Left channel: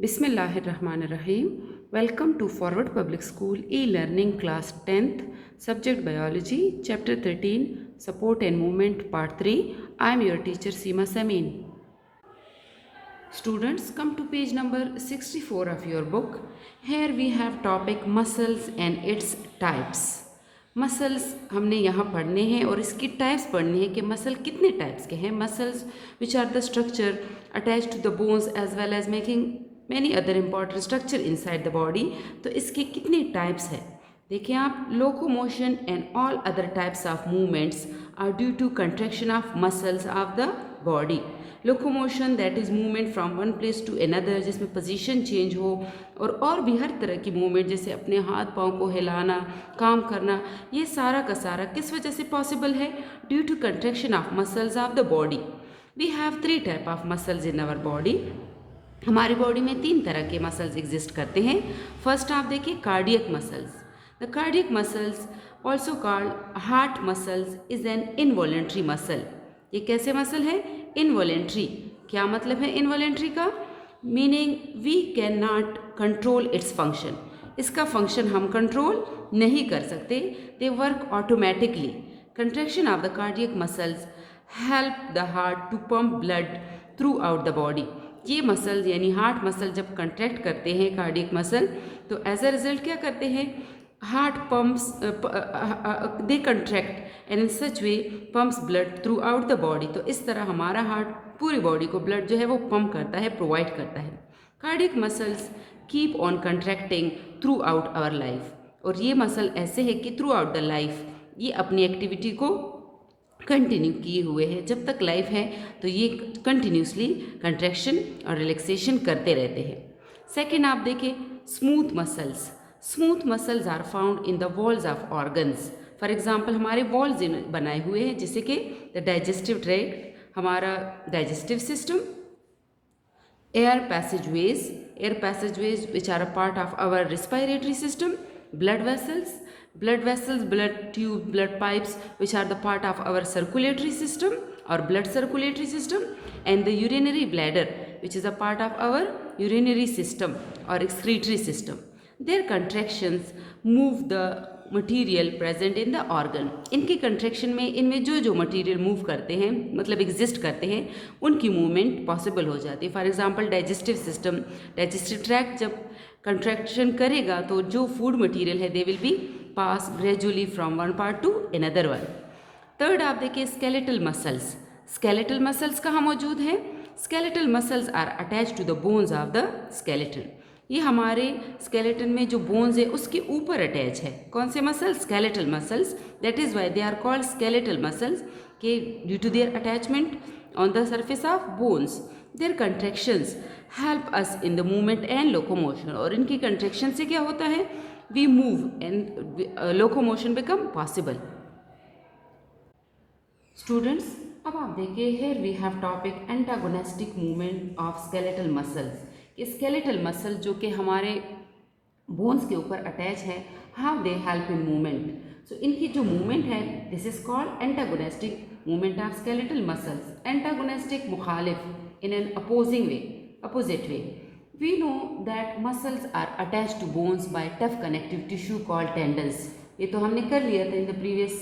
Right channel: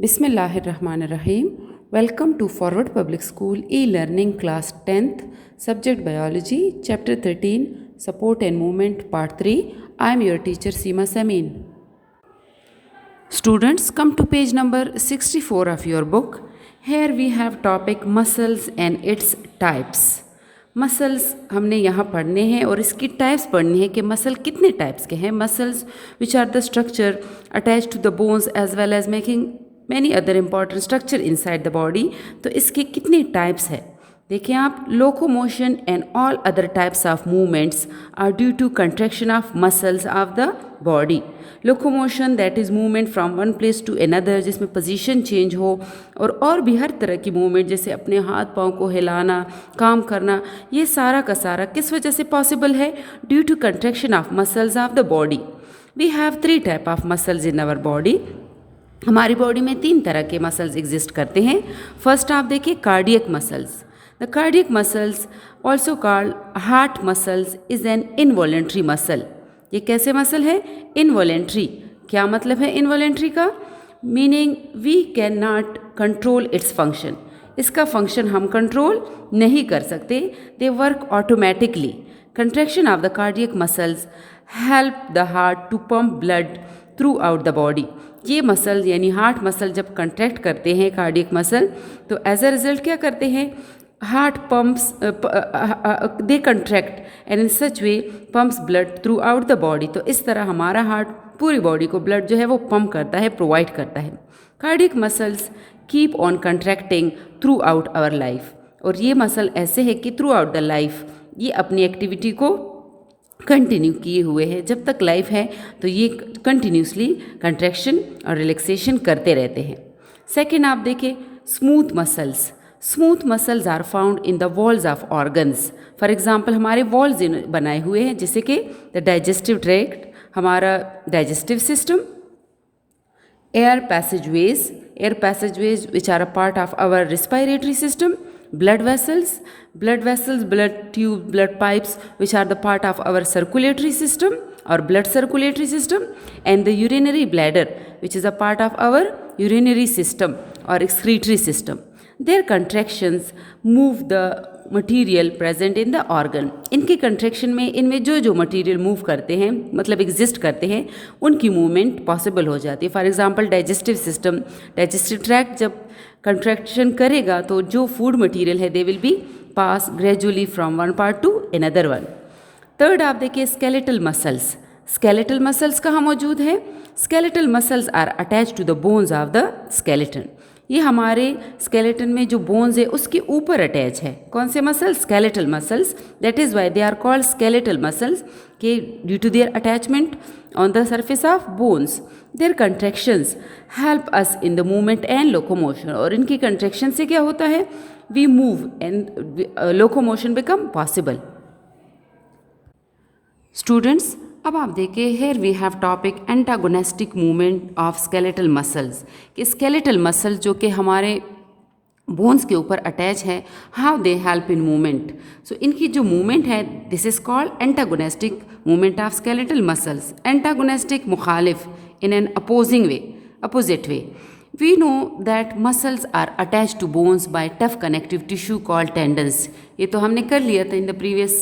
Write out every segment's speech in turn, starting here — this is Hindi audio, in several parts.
Bismillahirrahmanirrahim. Welcome to Forward Public School e-learning class 10th, subject biology, chapter 13, support and movement, part 3. I am your teacher Seema Samin. Students, come to page number 64 of your book. Here we have topic muscles and its types. Muscles हमने यहाँ पढ़ने हैं और इसकी टाइप्स पढ़नी है कि मसल कितने टाइप्स के हैं. Muscles which are the structure attach to the bones as well as making many other important structure inside the body. तो इसके कितने टाइप्स है देखिए आप. Locomotion and all other types of movements are due to contraction of muscles of the body. Locomotion that is movement from one place to another, जिसमें पोजीशन चेंज हो, और भी हर तरह की मूवमेंट जैसे अपने हाथ पाँव को हिलाना, काम करना, ये सारा का सारा किस वजह से पॉसिबल है? Due to contraction of muscles of the body. We have 3 type of muscles in our body. हमारी बॉडी में 3 तरह के मसल्स एग्जिस्ट करते हैं. फर्स्ट आप देखिए cardiac muscles. The cardiac muscles also called heart muscles is an involuntary muscle. ये कैसे मसल है? इनवॉलेंट्री. क्या मतलब है इनवॉलेंट्री का? Meaning we can not control its function. इसका फंक्शन हम कंट्रोल नहीं कर सकते. They work automatically. Contraction of the cardiac muscles help the heart to pump blood throughout the body. ये मसल यानी हार्ट मसल जब कंट्रैक्ट करते हैं कार्डियक मसल, तो एज अ रिजल्ट क्या करते हैं? Heart pumps they contract and in such way pumps blood throughout the body. तो इस तरह हमारा हार्ट पूरी बॉडी को ब्लड जो है वो पंप करता है, प्रोवाइड करता है. Cardiac muscles keep on contracting throughout our life. और ये मसल ऐसे है कि थ्रू आउट द लाइफ ये अपनी एक्टिविटी को कंटिन्यू किए हुए हैं. जब तक लाइफ है तो ये कंटिन्यूसली कंट्रैक्शन और रिलैक्सेशन करते रहते हैं. सेकेंड आप देखें smooth muscles. Smooth muscles are found in the walls of organs. For example हमारे वॉल्स बनाए हुए हैं जैसे कि द डाइजेस्टिव ट्रैक्ट, हमारा digestive system, air passageways which are a part of our respiratory system, blood vessels, blood tube, blood pipes which are the part of our circulatory system or blood circulatory system, and the urinary bladder which is a part of our urinary system or excretory system. Their contractions move the material present in the organ. इनके कंट्रैक्शन में इनमें जो जो मटीरियल मूव करते हैं मतलब एग्जिस्ट करते हैं उनकी मूवमेंट पॉसिबल हो जाती है. For example digestive system, digestive tract जब कंट्रैक्शन करेगा तो जो फूड मटेरियल है they will be pass gradually from one part to another one. Third आप देखिए स्केलेटल मसल्स. स्केलेटल मसल्स कहाँ मौजूद है? Skeletal muscles are attach to the bones of the skeleton. ये हमारे स्केलेटन में जो बोन्स है उसके ऊपर अटैच है. कौन से muscle? Skeletal muscles. That is why they are called skeletal muscles के due to their attachment on the surface of bones. Their contractions help us in the movement and locomotion. और इनकी कंट्रैक्शन से क्या होता है? We move and locomotion become possible. Students अब आप देखिए here we have topic antagonistic movement of skeletal muscles. कि स्केलेटल मसल जो कि हमारे बोन्स के ऊपर अटैच है, how they help in movement. So इनकी जो मूवमेंट है this is called antagonistic movement of skeletal muscles. Antagonistic मुखालिफ in an opposite way. We know that muscles are attached to bones by tough connective tissue called tendons. ये तो हमने कर लिया था in the previous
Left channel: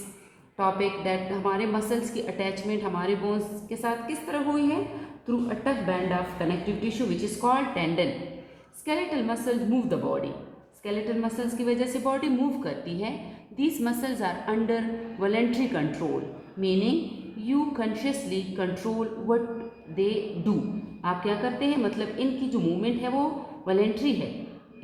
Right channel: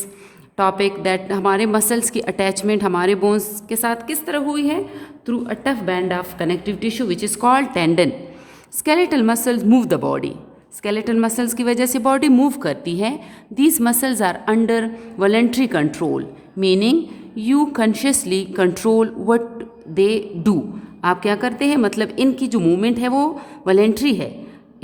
topic that हमारे मसल्स की अटैचमेंट हमारे बोन्स के साथ किस तरह हुई है? Through a tough band of connective tissue which is called tendon. Skeletal muscles move the body. Skeletal muscles की वजह से बॉडी मूव करती है. These muscles are under voluntary control, meaning you consciously control what they do. आप क्या करते हैं मतलब इनकी जो मूवमेंट है वो वॉलेंट्री है,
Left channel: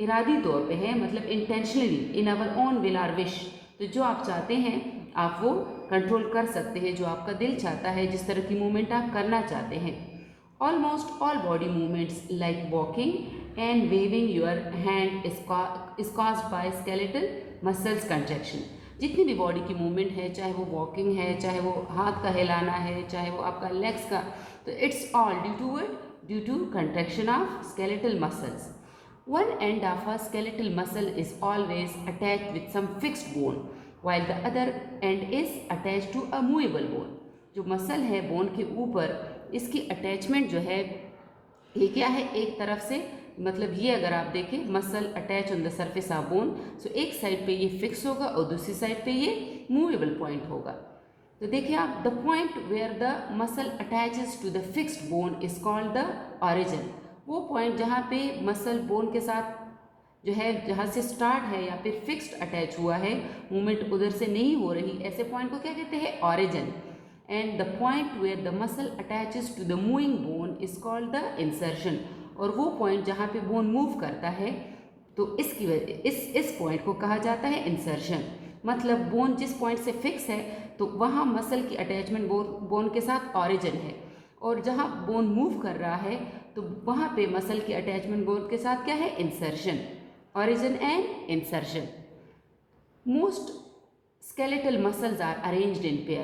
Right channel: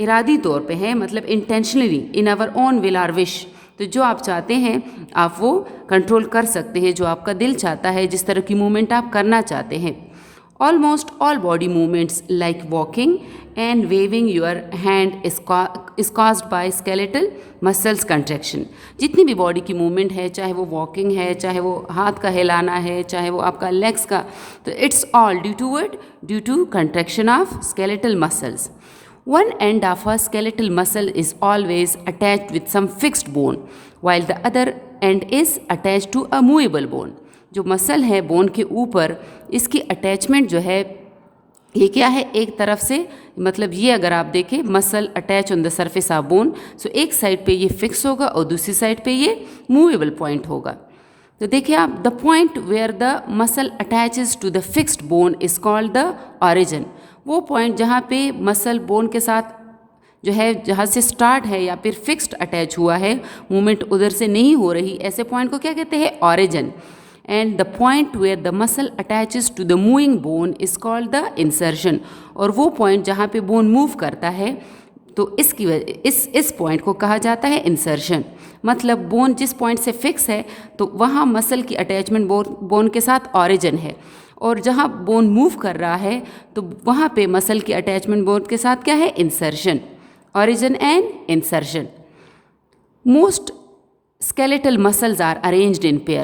इरादी तौर पे है, मतलब intentionally in our own will or wish. तो जो आप चाहते हैं आप वो कंट्रोल कर सकते हैं, जो आपका दिल चाहता है, जिस तरह की मूवमेंट आप करना चाहते हैं. Almost all body movements like walking and waving your hand is caused by skeletal muscles contraction. जितनी भी बॉडी की मूवमेंट है, चाहे वो वॉकिंग है, चाहे वो हाथ का हिलाना है, चाहे वो आपका लेग्स का, तो it's all due to what? Due to contraction of skeletal muscles. One end of a skeletal muscle is always attached with some fixed bone, while the other end is attached to a movable bone. जो मसल है बोन के ऊपर, इसकी अटैचमेंट जो है ये क्या है? एक तरफ से मतलब ये अगर आप देखें muscle attach on the surface of bone, so एक साइड पे ये फिक्स होगा और दूसरी साइड पे ये मूवेबल पॉइंट होगा। तो देखिए आप, the point where the muscle attaches to the fixed bone is called the origin. वो पॉइंट जहाँ पे मसल बोन के साथ जो है, जहाँ से स्टार्ट है या फिर फिक्स्ड अटैच हुआ है, मूवमेंट उधर से नहीं हो रही, ऐसे पॉइंट को क्या कहते हैं, origin. And the point where the muscle attaches to the moving bone is called the insertion. और वो पॉइंट जहाँ पे बोन मूव करता है, तो इसकी वजह इस पॉइंट को कहा जाता है इंसर्शन। मतलब बोन जिस पॉइंट से फिक्स है तो वहाँ मसल की अटैचमेंट बोन के साथ ऑरिजिन है, और जहाँ बोन मूव कर रहा है तो वहाँ पे मसल की अटैचमेंट बोन के साथ क्या है, insertion. Origin and insertion. Most skeletal muscles are arranged in pair.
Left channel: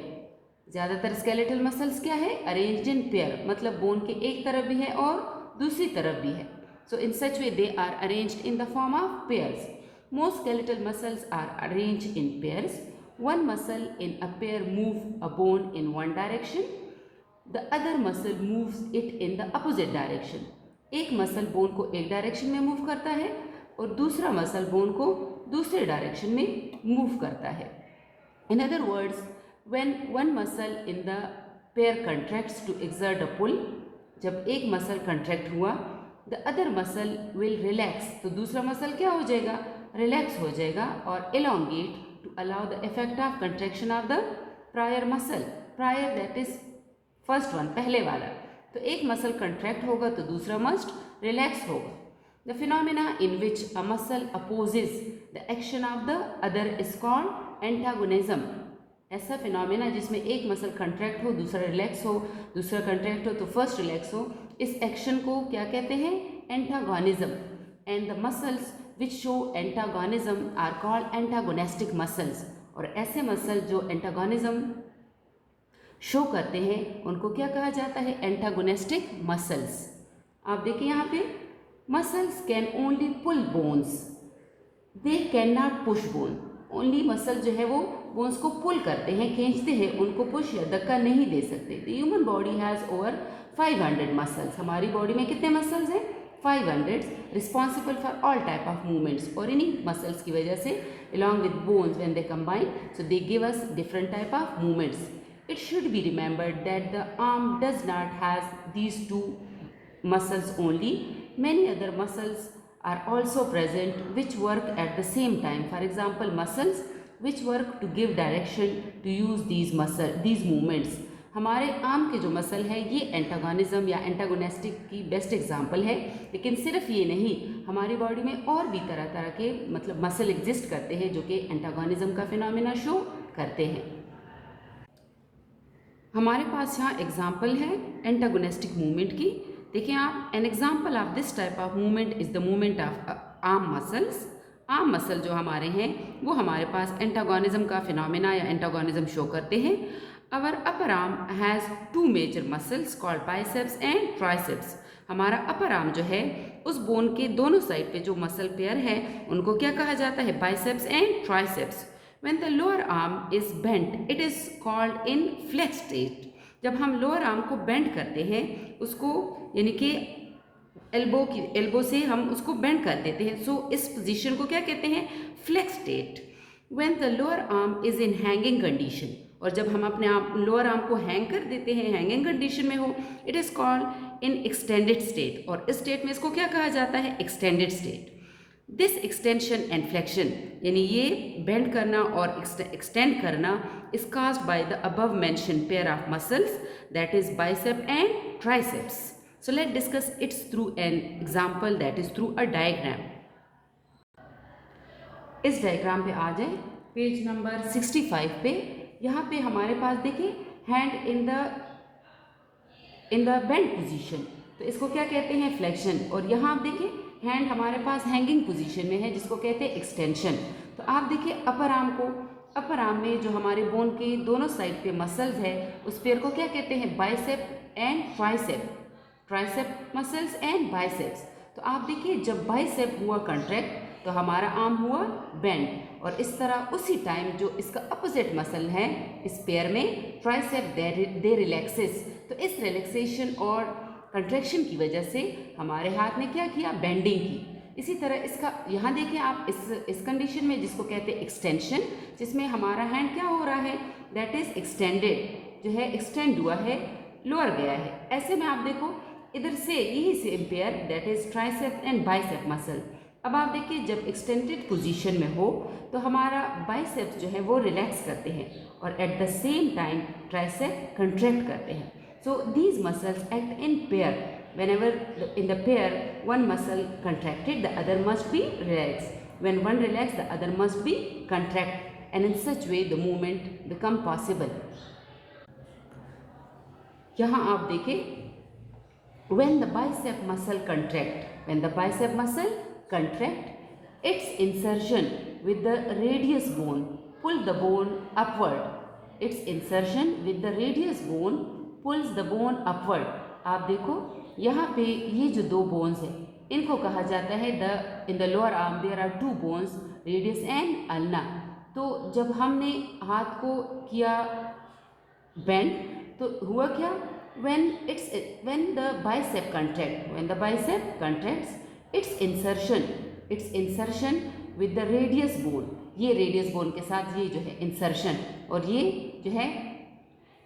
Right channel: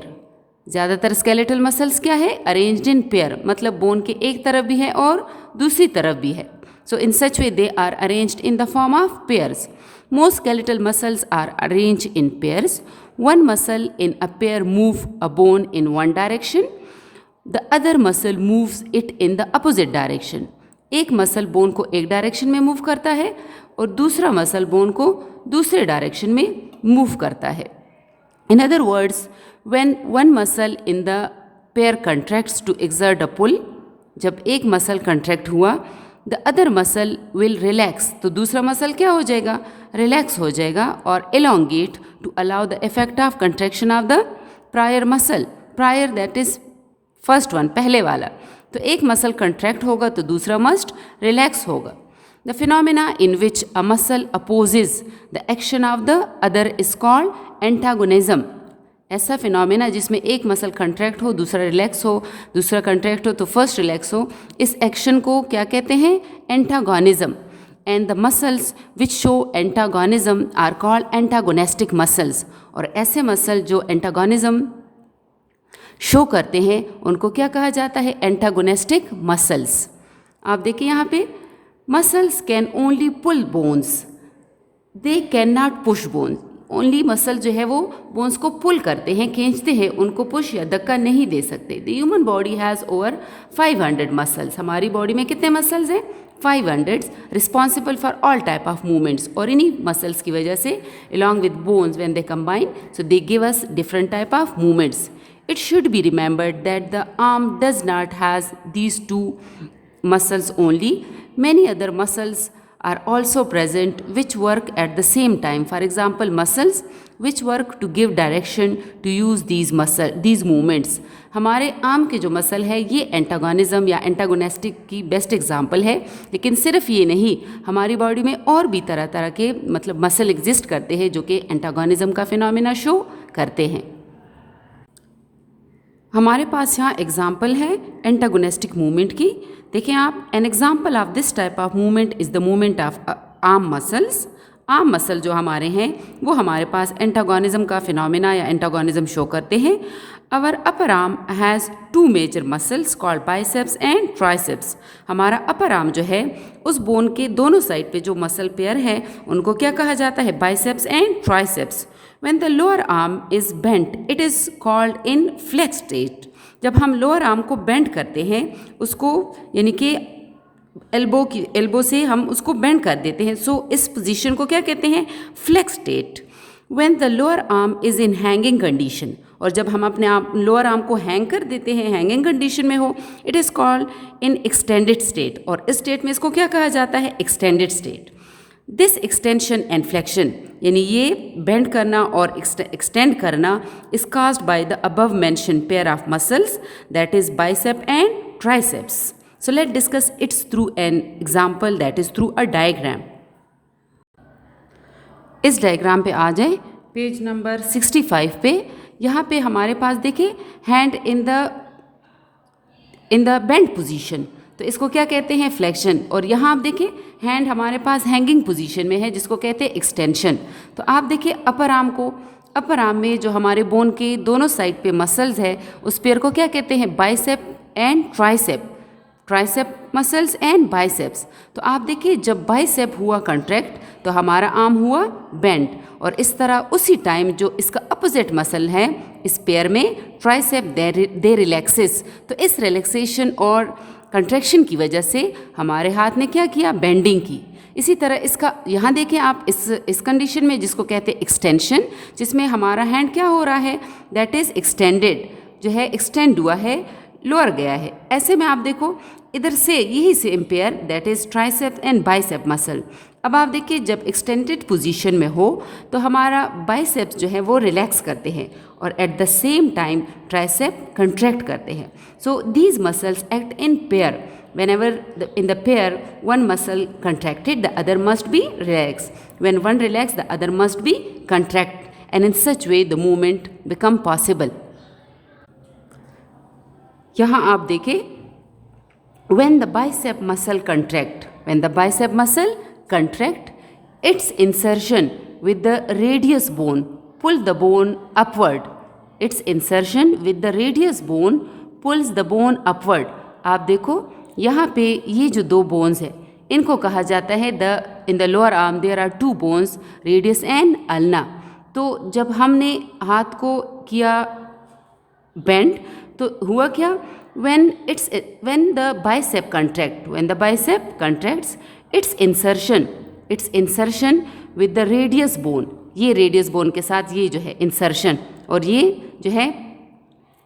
ज़्यादातर skeletal muscles क्या है, arranged in pair, मतलब बोन के एक तरफ भी है और दूसरी तरफ भी है। So in such way they are arranged in the form of pairs. Most skeletal muscles are arranged in pairs. One muscle in a pair move a bone in one direction. The other muscle moves it in the opposite direction. एक मसल बोन को एक डायरेक्शन में मूव करता है और दूसरा मसल बोन को दूसरे डायरेक्शन में मूव करता है। In other words, when one muscle in the pair contracts to exert a pull, जब एक मसल कंट्रैक्ट हुआ, the other muscle will relax, तो दूसरा मसल क्या हो जाएगा, रिलैक्स हो जाएगा, और elongate to allow the effect of contraction of the prior muscle. Prior that is first one, पहले वाला। तो एक मसल कंट्रैक्ट होगा तो दूसरा मस्ट रिलैक्स होगा। The phenomena in which a muscle opposes the action of the other is called antagonism. ऐसा फिनोमिना जिसमें एक मसल कंट्रैक्ट हो, दूसरा रिलैक्स हो, दूसरा कंट्रैक्ट हो तो फर्स्ट रिलैक्स हो, इस एक्शन को क्या कहते हैं, antagonism. And the muscles which show antagonism are called antagonistic muscles. और ऐसे मसल जो एंटागोनिज्म शो करते हैं उनको क्या कहा जाता है, एंटागोनेस्टिक मसल्स। आप देखिए यहाँ पे, muscles can only pull bones, they can not push bones. Only muscle जो है वो बोन्स को पुल करते हैं, खींचते हैं, उनको पुश या धक्का नहीं दे सकते। The human body has over 500 muscles. हमारी बॉडी में कितने मसल्स हैं, 500, responsible for all type of movements. और इन्हीं मसल्स की वजह से along with bones when they combine, so they give us different type of movements. It should be remembered that the arm does not has these two muscles only. Many other muscles are also present which work at the same time. For example, muscles which work to give direction to use these movements. हमारे आर्म के जो मसल है ये एंटागोनिज्म या एंटागोनेस्टिक की बेस्ट एग्जाम्पल है। लेकिन सिर्फ ये नहीं, हमारी बॉडी में और भी तरह तरह के मतलब मसल एग्जिस्ट करते हैं जो कि एंटागोनिज्म का फिनोमिना शो करते हैं। हमारे पास यहाँ एग्जाम्पल है एंटागोनेस्टिक मूवमेंट की। देखिए आप, an example of this type of movement is the movement of arm muscles. Arm muscle जो हमारे हैं वो हमारे पास एंटागोनिज्म का फिनोमिना या एंटागोनिज्म शो करते हैं। Our upper arm has two major muscles called biceps and triceps. हमारा अपर आर्म जो है उस बोन के दोनों साइड पे जो मसल पेयर है उनको क्या कहा जाता है, biceps and triceps. When the lower arm is bent, it is called in flex state. जब हम लोअर आर्म को बेंड करते हैं, उसको यानी कि एल्बो से हम उसको बेंड कर देते हैं, सो इस पोजीशन को क्या कहते हैं, flex state. When the lower arm is in hanging condition, और जब हम अपने लोअर आर्म को हैंग कर देते हैं, हैंगिंग कंडीशन में हो, it is called in extended state. और इस स्टेट में इसको क्या कहा जाता है, extended state. This extension and flexion, यानी ये बेंड करना और एक्सटेंड करना, is caused by the above mention pair of muscles that is bicep and triceps. So let discuss it's through an example that is through a diagram. इस डायग्राम पे आ जाए, पेज नंबर 65 पे। यहाँ पे हमारे पास देखिए hand in the bend position, तो इसको क्या कहते हैं, फ्लेक्शन। और यहाँ आप देखिए हैंड हमारे पास हैंगिंग पोजीशन में है जिसको कहते हैं एक्सटेंशन। तो आप देखिए अपर आर्म में जो हमारे बोन के दोनों साइड पे मसल्स है उस पेयर को क्या कहते हैं, bicep and tricep. Tricep muscles and biceps. तो आप देखिए जब बाइसेप हुआ कंट्रैक्ट तो हमारा आर्म हुआ बेंड, और इस तरह उसी टाइम जो इसका अपोजिट मसल है इस पेयर में ट्राइसेप दे रिलैक्सेस। तो इस रिलैक्सेशन और कंट्रैक्शन की वजह से हमारे हाथ ने क्या किया, बेंडिंग की। इसी तरह इसका यहाँ देखें आप, इस कंडीशन में जिसको कहते हैं एक्सटेंशन, जिसमें हमारा हैंड क्या हो रहा है, दैट इज़ एक्सटेंडेड, जो है एक्सटेंड हुआ है, लोअर गया है। ऐसे में आप देखो इधर से यही से pair, that is tricep and bicep muscle. अब आप देखिए जब एक्सटेंडेड पोजीशन में हो तो हमारा बाइसेप्स जो है वो रिलैक्स करते हैं और eight the same time tricep contract करते हैं। So these muscles act in pair. Whenever in the pair one muscle contracted, the other must be relaxed. When one relaxed, the other must be contract, and in such way the movement become possible. यहाँ आप देखें, when the bicep muscle contract, its insertion with the radius bone pull the bone upward. Its insertion with the radius bone pulls the bone upward. आप देखो यहाँ पे ये जो दो बोन्स है इनको कहा जाता है in the lower arm there are two bones, radius and ulna. तो जब हमने हाथ को किया बेंड तो हुआ क्या, when the bicep contracts, its insertion with the radius bone, ये रेडियस बोन के साथ ये जो है इंसर्शन, और ये जो है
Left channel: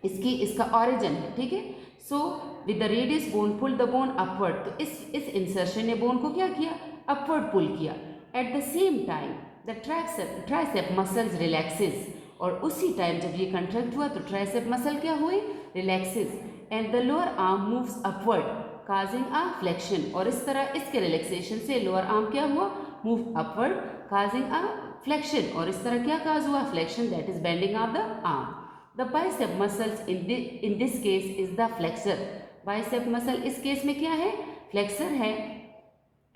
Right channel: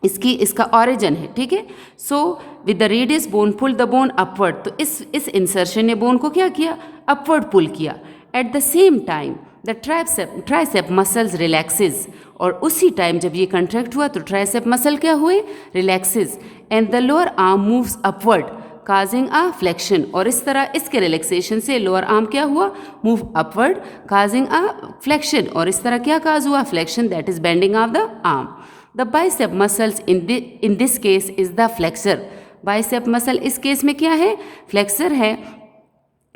इसका ऑरिजिन है, ठीक है। So with the radius bone pull the bone upward, तो इस इंसर्शन ने बोन को क्या किया, अपवर्ड पुल किया। Eight the same time the tricep muscles relaxes, और उसी टाइम जब ये कंट्रैक्ट हुआ तो ट्राइसेप मसल क्या हुए, relaxes, and the lower arm moves upward causing a flexion, और इस तरह इसके रिलैक्सेशन से लोअर आर्म क्या हुआ, मूव अपवर्ड काजिंग अ फ्लेक्शन, और इस तरह क्या काज हुआ, flexion, that is bending of the arm. The bicep muscles in this case is the flexor. Bicep muscle इस केस में क्या है, फ्लेक्सर है,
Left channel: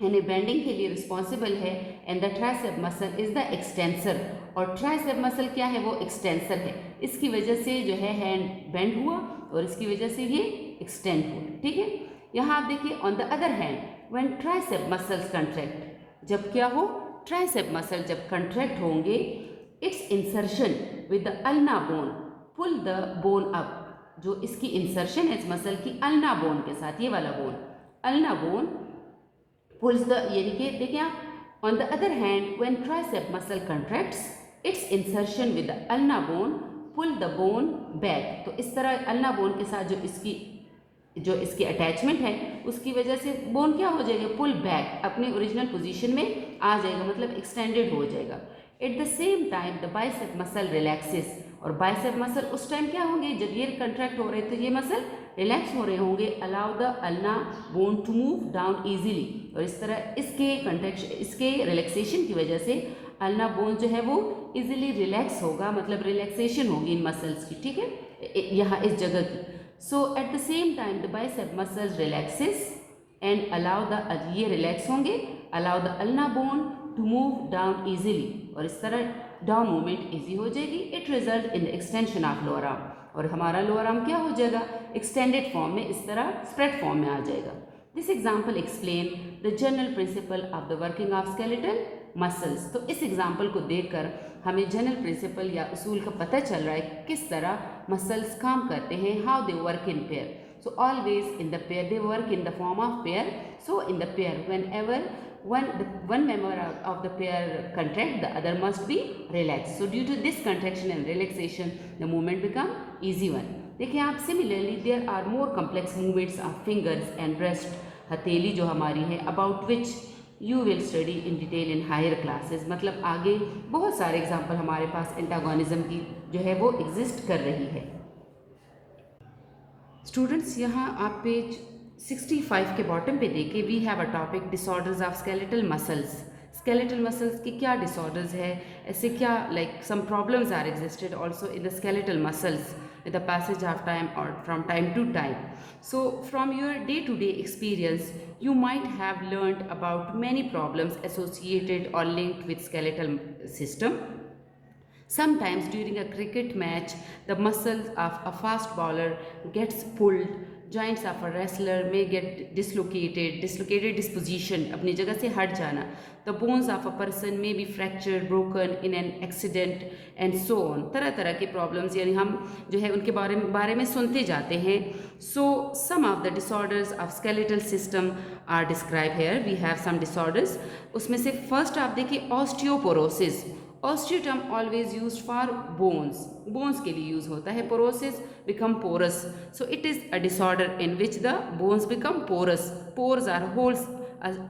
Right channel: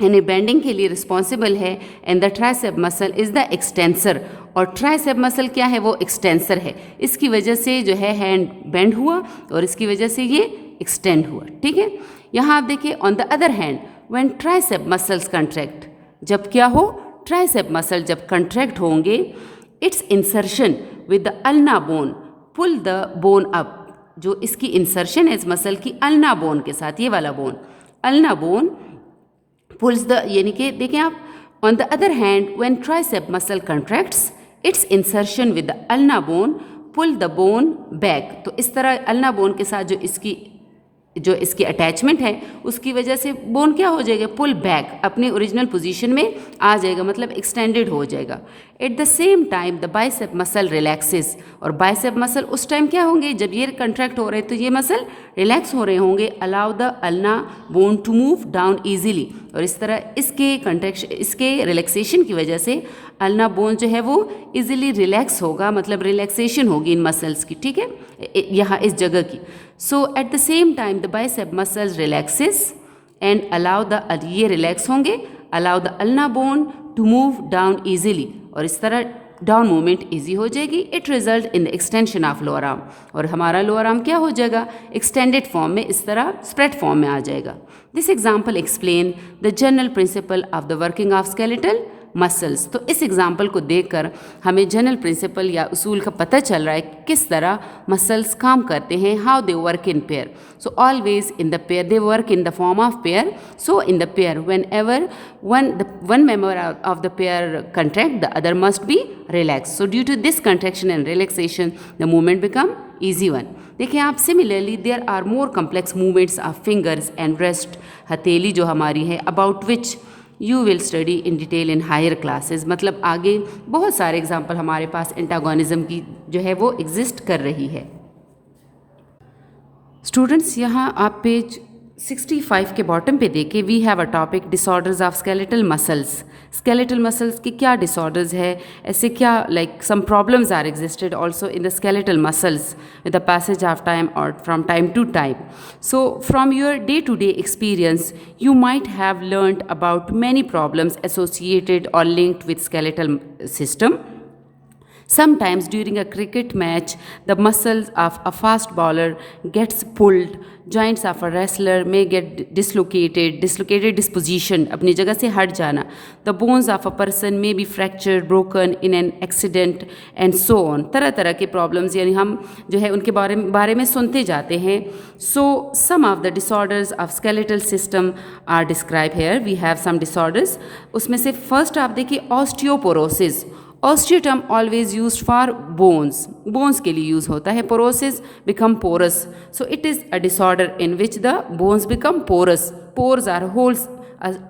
यानी बेंडिंग के लिए रिस्पॉन्सिबल है, and the tricep muscle is the extensor, और ट्राइसेप मसल क्या है, वो एक्सटेंसर है। इसकी वजह से जो है हैंड बेंड हुआ और इसकी वजह से ये एक्सटेंड हुआ, ठीक है। यहाँ आप देखिए on the other hand when tricep muscles contract, जब क्या हो, ट्राइसेप मसल जब कंट्रैक्ट होंगे, its insertion with the ulna bone pull the bone up, जो इसकी इंसर्शन है इस मसल की अल्ना बोन के साथ, ये वाला bone, ulna bone pulls the, यानी कि देखें आप, on the other hand when tricep muscle contracts its insertion with the ulna bone pull the bone back, तो इस तरह अल्ना बोन के साथ जो इसकी अटैचमेंट है उसकी वजह से बोन क्या हो जाएगा, पुल बैक, अपने ओरिजिनल पोजीशन में आ जाएगा, मतलब एक्सटेंडेड हो जाएगा। Eight the same time the bicep muscle relaxes, और बाइसेप मसल उस टाइम क्या होंगे, जब ये कंट्रैक्ट हो रहे तो ये मसल रिलैक्स हो रहे होंगे। Allow the ulna bone to move down easily, और इस तरह इसके रिलैक्सेशन की वजह से अल्ना बोन जो है वो ईजिली रिलैक्स होगा, मतलब रिलैक्सेशन होगी इन मसल्स की, ठीक है, यहाँ इस जगह की। So at the same time the bicep muscles relaxes and allow the, ये रिलैक्स होंगे, allow the ulna bone to move down easily, और इस तरह डाउन मूवमेंट ईजी हो जाएगी। It result in the extension of lower arm, और हमारा लोअर आर्म क्या हो जाएगा, एक्सटेंडेड फॉर्म में, इस तरह स्प्रेड फॉर्म में आ जाएगा। This example explain the general principle of the working of skeletal muscles. तो इस एग्जाम्पल को देखकर हमें जनरल प्रिंसिपल या उसूल का पता चल रहा है कि किस तरह मसल्स काम करते हैं, how they work in pair. So always in the pair they work in the form of pair. So in the pair when ever one member of the pair contract, the other must be relaxed. So due to this contraction and relaxation, the movement become easy one. देखिए आप, similarly there are more complex movements of fingers and wrist, हथेली जो हमारी है, about which you will study in detail in higher classes, मतलब आगे बहुत सारे एग्जाम्पल हमारे पास एंटागोनिज्म की जो है वो एग्जिस्ट कर रही है। स्टूडेंट्स, यहाँ आप पेज 65 के बॉटम पे देखें, we have a topic disorders of skeletal muscles. Skeletal muscles की क्या डिसऑर्डर्स है, ऐसे क्या like some problems are existed also in the skeletal muscles with the passage of time और from time to time. So from your day to day experience you might have learned about many problems associated or linked with skeletal system. Sometimes during a cricket match, the muscles of a fast bowler gets pulled. Joints of a wrestler may get dislocated disposition, अपनी जगह से हट जाना. The bones of a person may be fractured, broken in an accident and so on. तरह तरह के problems यानी हम जो है उनके बारे में सुनते जाते हैं. So some of the disorders of skeletal system are described here. We have some disorders. उसमें से first आप देखिए osteoporosis. Osteo term always used for bones के लिए यूज़ होता है. Porosis become porous, so it is a disorder in which the bones become porous. Pores are holes,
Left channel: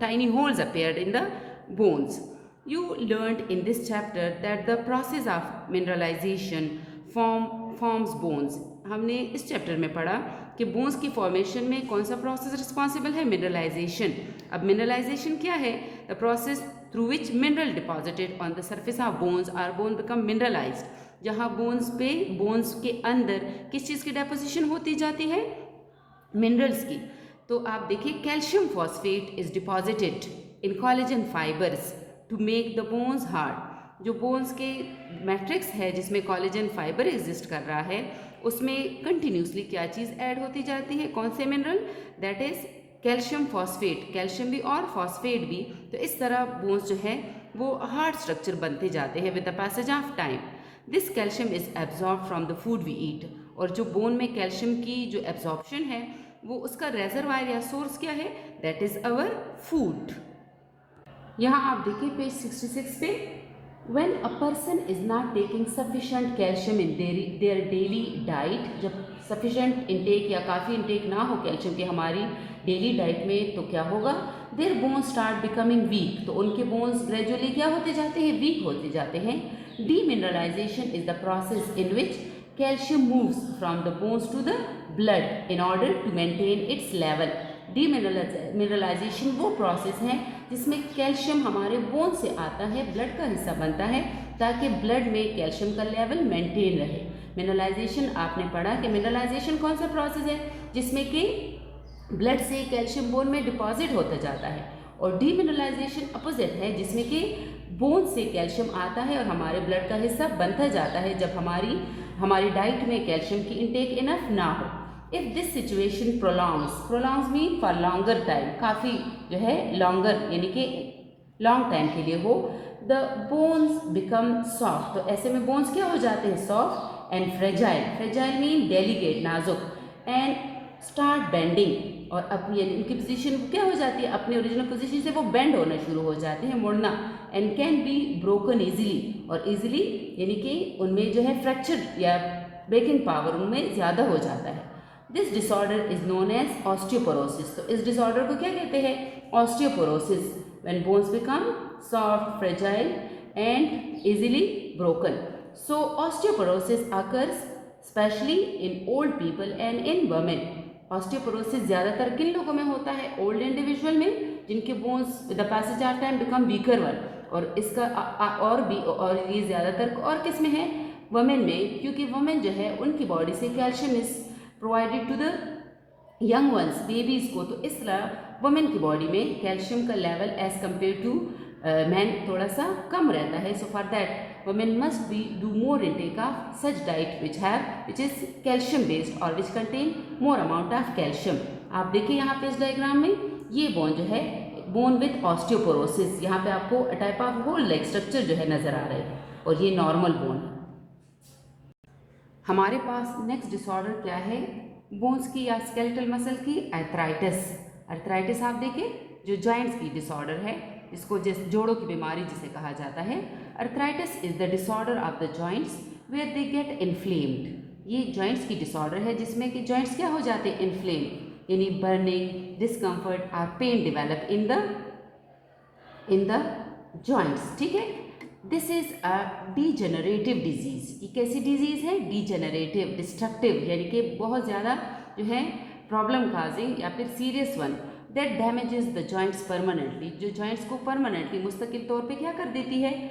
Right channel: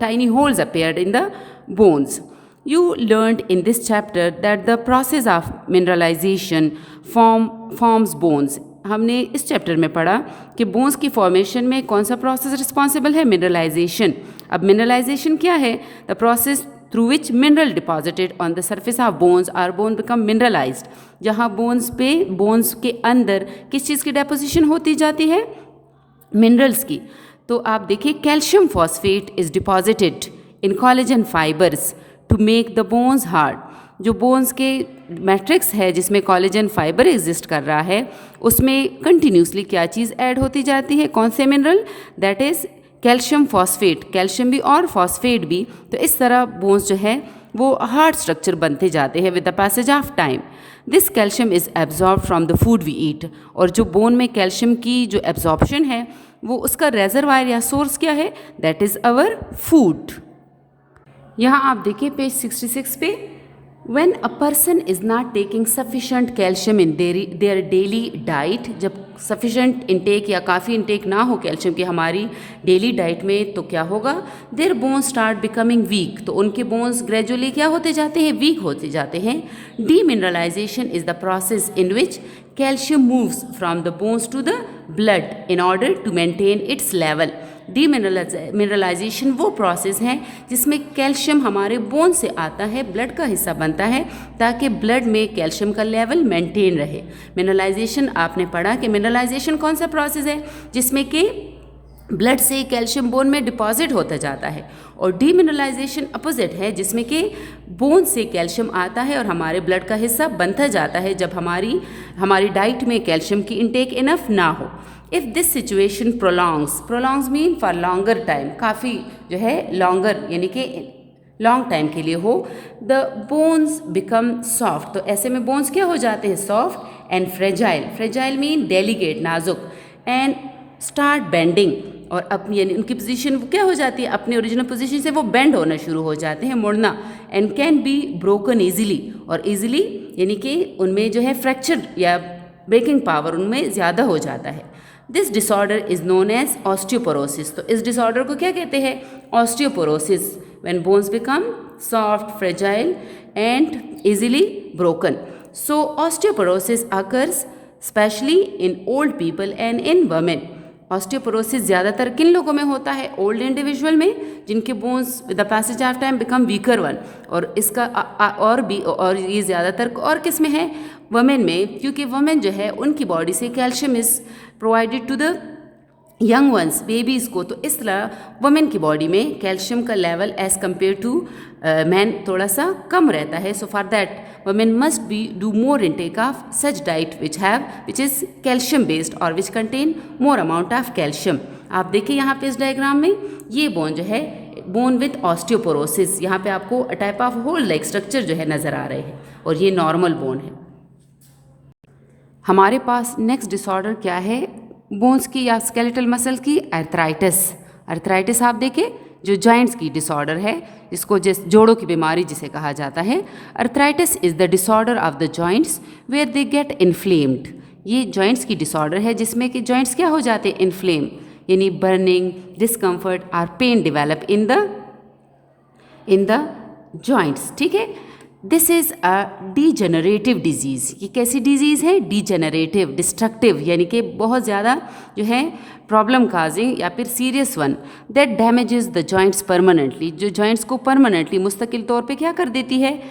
tiny holes appeared in the bones. You learned in this chapter that the process of mineralization forms bones. हमने इस चैप्टर में पढ़ा कि बोन्स की फॉर्मेशन में कौन सा प्रोसेस रिस्पॉन्सिबल है, मिनरलाइजेशन. अब मिनरलाइजेशन क्या है? The process through which mineral deposited on the surface of bones or bone become mineralized. जहाँ बोन्स के अंदर किस चीज़ की डेपोजिशन होती जाती है? मिनरल्स की. तो आप देखिए calcium phosphate is deposited in collagen fibres to make the bones hard. जो बोन्स के मैट्रिक्स है जिसमें कोलेजन फाइबर एग्जिस्ट कर रहा है उसमें कंटिन्यूसली क्या चीज़ ऐड होती जाती है? कौन से mineral? That is calcium phosphate. Calcium भी और फॉस्फेट भी. तो इस तरह बोन्स जो है वो हार्ड स्ट्रक्चर बनते जाते हैं with the passage of time. This calcium is absorb from the food we eat. और जो बोन में कैल्शियम की जो एब्जॉर्प्शन है वो उसका रेजरवायर या सोर्स क्या है? That is our food. यहाँ आप देखिए पेज 66 पे. When a person is not taking sufficient calcium in their daily diet, जब sufficient intake या काफ़ी intake ना हो कैल्शियम की हमारी डेली डाइट में, तो क्या होगा? Their bones start becoming weak. तो उनके bones gradually क्या होते जाते हैं? वीक होते जाते हैं. Demineralization is the process in which calcium moves from the bones to the blood in order to maintain its level. Demineralisation वो प्रोसेस है जिसमें कैल्शियम हमारे बोन से आता है, ब्लड का हिस्सा बनता है ताकि ब्लड में कैल्शियम का लेवल मेंटेन रहे. मिनरलाइजेशन आपने पढ़ा कि मिनरलाइजेशन कौन सा प्रोसेस है? जिसमें कि ब्लड से कैल्शियम बोन में डिपॉजिट होता जाता है. और डीमिनरलाइजेशन अपोजिट है जिसमें कि बोन से कैल्शियम आता है और हमारे ब्लड का हिस्सा बनता जाता है जब हमारी डाइट में कैल्शियम की इंटेक इनफ ना हो. If this situation prolongs mean for longer time, काफ़ी जो है लॉन्गर यानी कि लॉन्ग टाइम के लिए हो, द बोन्स बिकम सॉफ्ट. तो ऐसे में बोन्स क्या हो जाते हैं? Soft and fragile mean delicate, नाजुक. And start bending. और अब यानी उनकी पोजीशन क्या हो जाती है? अपने ओरिजिनल पोजीशन से वो बेंड होना शुरू हो जाते हैं, मुड़ना. And can be broken easily. और ईजिली यानी कि उनमें जो है फ्रैक्चर या ब्रेकिंग पावर उनमें ज़्यादा हो जाता है. This disorder is known as osteoporosis. तो इस डिसऑर्डर को क्या कहते हैं? Osteoporosis. When bones become soft, fragile and easily broken. So osteoporosis occurs specially in old people and in women. Osteoporosis ज़्यादातर किन लोगों में होता है? ओल्ड इंडिविजुअल में, जिनके bones with the passage of time become weaker one. और इसका और ये ज़्यादातर और किस में है? वुमेन में, क्योंकि वुमेन जो है उनकी बॉडी से calcium is provided to the young ones, babies को. तो इस तरह वुमेन की बॉडी में कैल्शियम का level as compare to man थोड़ा सा कम रहता है. So for that women must be do more intake of such diet which is calcium based or which contain more amount of calcium. आप देखिए यहाँ पे इस डायग्राम में ये बोन जो है बोन विथ ऑस्टियोपोरोसिस, यहाँ पे आपको type of hole like structure जो है नज़र आ रहे हैं और ये नॉर्मल बोन है. हमारे पास नेक्स्ट डिसऑर्डर क्या है बोन्स की या स्केलेटल मसल की? अर्थराइटिस आप देखिए जो जॉइंट्स की डिसऑर्डर है, जिसको जोड़ों की बीमारी जिसे कहा जाता है. Arthritis is the disorder of the joints where they get inflamed. ये जॉइंट्स की डिसऑर्डर है जिसमें कि जॉइंट्स क्या हो जाते हैं? इन्फ्लेम, यानी बर्निंग, डिस्कम्फर्ट और pain develop in the joints. ठीक है. This is a degenerative disease. ये कैसी डिजीज़ है? डीजेनरेटिव, डिस्ट्रक्टिव, यानी कि बहुत ज़्यादा जो है प्रॉब्लम काजिंग या फिर serious one. That damages the joints permanently. जो जॉइंट्स को परमानेंटली मुस्तकिल तौर पे क्या कर देती है?